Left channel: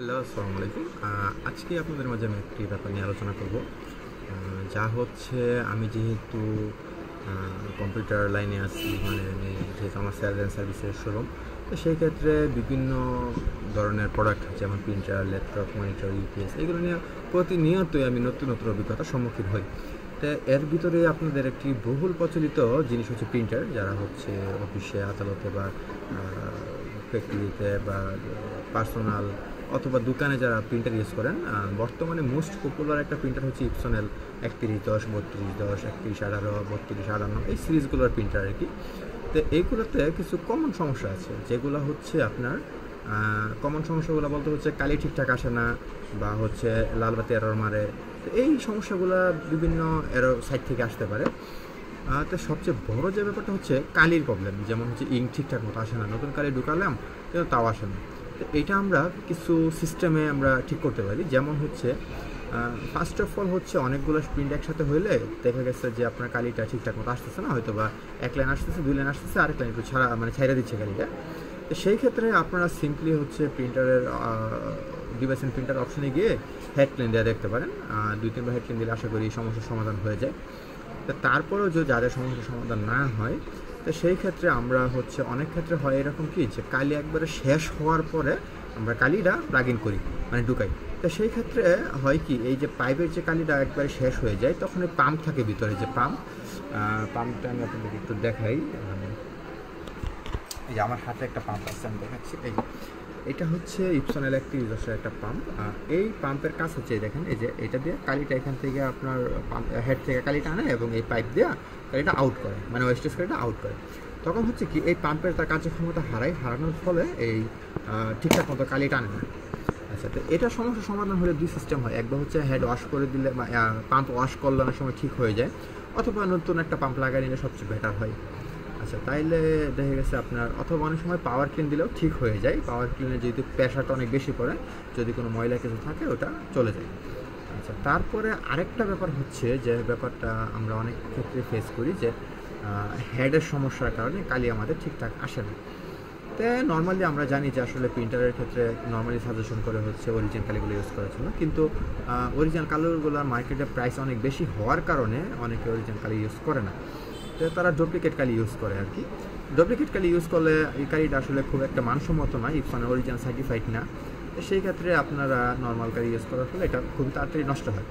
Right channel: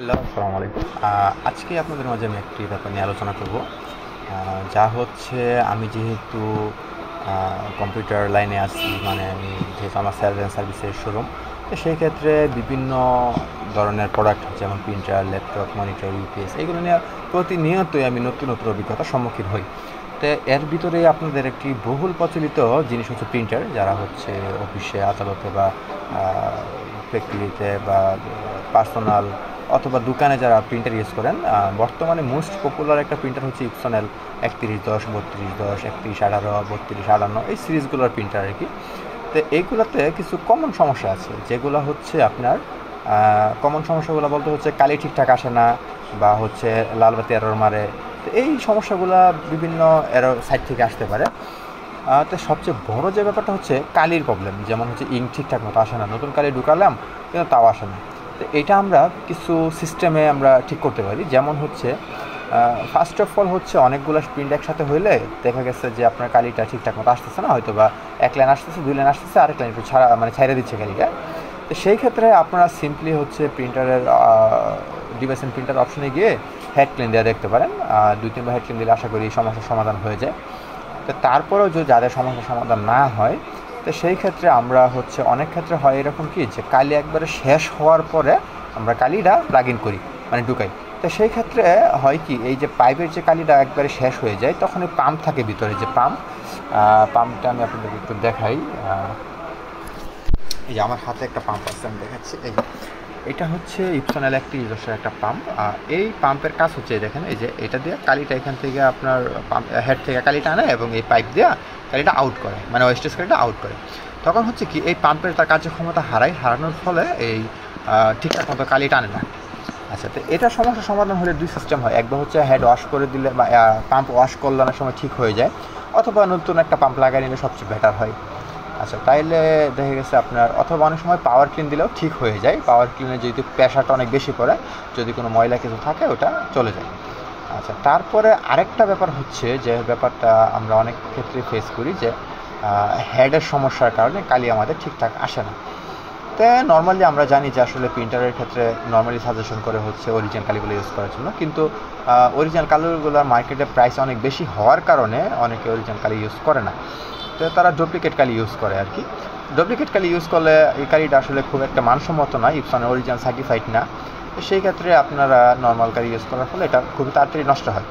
Hello, আসসালামু আলাইকুম। আজকে আপনাদের মাঝে আমি একটি ব্যাপার নিয়ে আলোচনা করব। যা হচ্ছে আমি যেহেতু কম্পিউটার লাইনে আছি, মানে আমি যেহেতু আমার সেলস অ্যান্ড সার্ভিসের শোরুম, তো সেই ক্ষেত্রে বিভিন্ন ধরনের প্রোডাক্ট যেমন প্রিন্টার, ল্যাপটপ, মনিটর, ইউপিএস এগুলো নিয়ে প্রতিনিয়তই আমি নতুন নতুন অভিজ্ঞতার সম্মুখীন হই। তো এর ভিতরে আপনাদের একটি বহুল প্রচলিত জিনিস হচ্ছে প্রিন্টার, যারা হচ্ছে অফিসে, আদালতে বা ফ্যাক্টরিতে বা পার্সোনাল অথবা দোকানে যারা প্রিন্টার ইউজ করেন। বর্তমানে মোস্ট পপুলার একটা প্রিন্টার হচ্ছে ইপসনেল 3110, 3210, 3118, 3258, এই সিরিজগুলোর প্রিন্টার আর কি। তো এইগুলোতে কিছু কমন সমস্যা আছে, যেগুলো হচ্ছে আপনার কমন সমস্যাগুলো বলতে হচ্ছে কালি ঠিকঠাক আসে না, বা হচ্ছে লাল বাতি এরর মারে। তো এই সমস্যাগুলো বিভিন্ন এরর সাইড থেকে আসতে পারে। তো সবচেয়ে বড় যে ব্যাপারটা হচ্ছে কালির প্রবলেম, যেমন হচ্ছে ইঙ্ক ঠিকঠাক মতো আসে না, নতুন কালি ঢুকালাম কিন্তু তাও আসে না। তো এটা আমরা কিছু সিস্টেমে আমরা ঠিক করতে পারি, যেমন হচ্ছে ফার্স্ট অফ অল হচ্ছে অনেকগুলো প্রিন্ট একসাথে হইলে দেখা গেছে যে আপনার কালিটা ঠিকঠাক মতো আসতেছে না, হয়তো বা এক লাইন আসতেছে, দুই লাইন আসতেছে, আরেক লাইন একটু ছাইড়া দিচ্ছে কালিটা। তো সেই ক্ষেত্রে আপনারা সিম্পলি হচ্ছে প্রিন্টারের ডিভাইস এন্ড প্রিন্টার অপশনে গিয়ে হেড ক্লিন দেওয়া দেখতে পারেন। দুই তিনবার হেড ক্লিন দিলে আশা করি সমস্যার সমাধান হয়ে যায়। তো তারপরেও যদি যাদের সমস্যার সমাধান না হয়, তো সেই ক্ষেত্রে আমরা হচ্ছে অনেক ক্ষেত্রে হয় এরকম কি, যে কালি একবারে শেষ হওয়ার পরে আমরা কালিটা প্লাগ ইন করি, মানে ঢুকাই। তো সেই ক্ষেত্রে হয় কি, এই যে পাইপের যে কালিটা একবারে শেষ হয়ে যায়, তখন এই পাম্প থাকে ভিতরে, যে পাম্পটা আমি আপনাদেরকে একটু দেখাই। এই যে আমার হাতে একটা পাম্প আছে, আমি দেখাচ্ছি। এটা হচ্ছে ইপসনেল একটি নিজস্ব একটা পাম্প। এই পাম্পের কাজ হচ্ছে, দেখেন এই যে এটা দিয়ে কালিটা এখান থেকে আপনার পাম্প হেড থেকে কালিটা আনে এবং এই পাইপ দিয়ে কালিটা আউট করে, মানে ওয়েস্টেজ কালিটা আউট করে। তখন হচ্ছে কি, এই পাম্পের তার কার্যক্ষমতা হারানোর ফলে এই ঠিকঠাক মতো কালিটা আনে না। আচ্ছা, তো এটা সমস্যার সমাধান হলে দুই সিস্টেম হয়। একবার হচ্ছে হেড ওয়াশ করে দিলে বা পাম্প ওয়াশ করলে অনেক সময় ঠিক হয়ে যায়, অথবা নতুন একটা পাম্প লাগিয়ে নিলে সবচেয়ে বেটার হয়। আচ্ছা, তাইলে দেখা গেছে আপনার, অথবা অনেক সময় পাওয়ার ক্লিন দিলেও ঠিক হয়ে যায়। পাওয়ার ক্লিনে যেহেতু প্রেশারটা অনেক বেশি পড়ে, যদি কোনো ময়লা কিছু থাকে ওটা চলে যায়। আচ্ছা, তারপরে আরেকটা ব্যাপার হচ্ছে, যে ব্যাপারটা আমরা অনেক ক্ষেত্রে ফেস করি, যে হেডের সমস্যার কারণে কালি আমাদের ঠিকঠাক আসে না। তো নর্মালি আমরা জানি যে আসলে প্রিন্টারের ক্ষেত্রে নর্মালি সাজেশন করে হচ্ছে অরিজিনাল কালিগুলো ইউজ করার জন্য, কিন্তু অরিজিনাল কালিগুলোর মার্কেটে প্রাইস অনেক বেশি হওয়ার কারণে অনেকে অরিজিনাল কালি ইউজ করে না। তো তারা ডুপ্লিকেট কালি ইউজ করে আর কি। ডুপ্লিকেট কালি ইউজ করলে এই কালিটা আসলে খুব একটা মানসম্মত না, ইপসনের অরিজিনাল সার্টিফাইড না। তো সেই ক্ষেত্রে আপনারা নর্মাল কালি ইউজ করার ফলে এটা খুবই তাড়াতাড়ি নষ্ট হয়।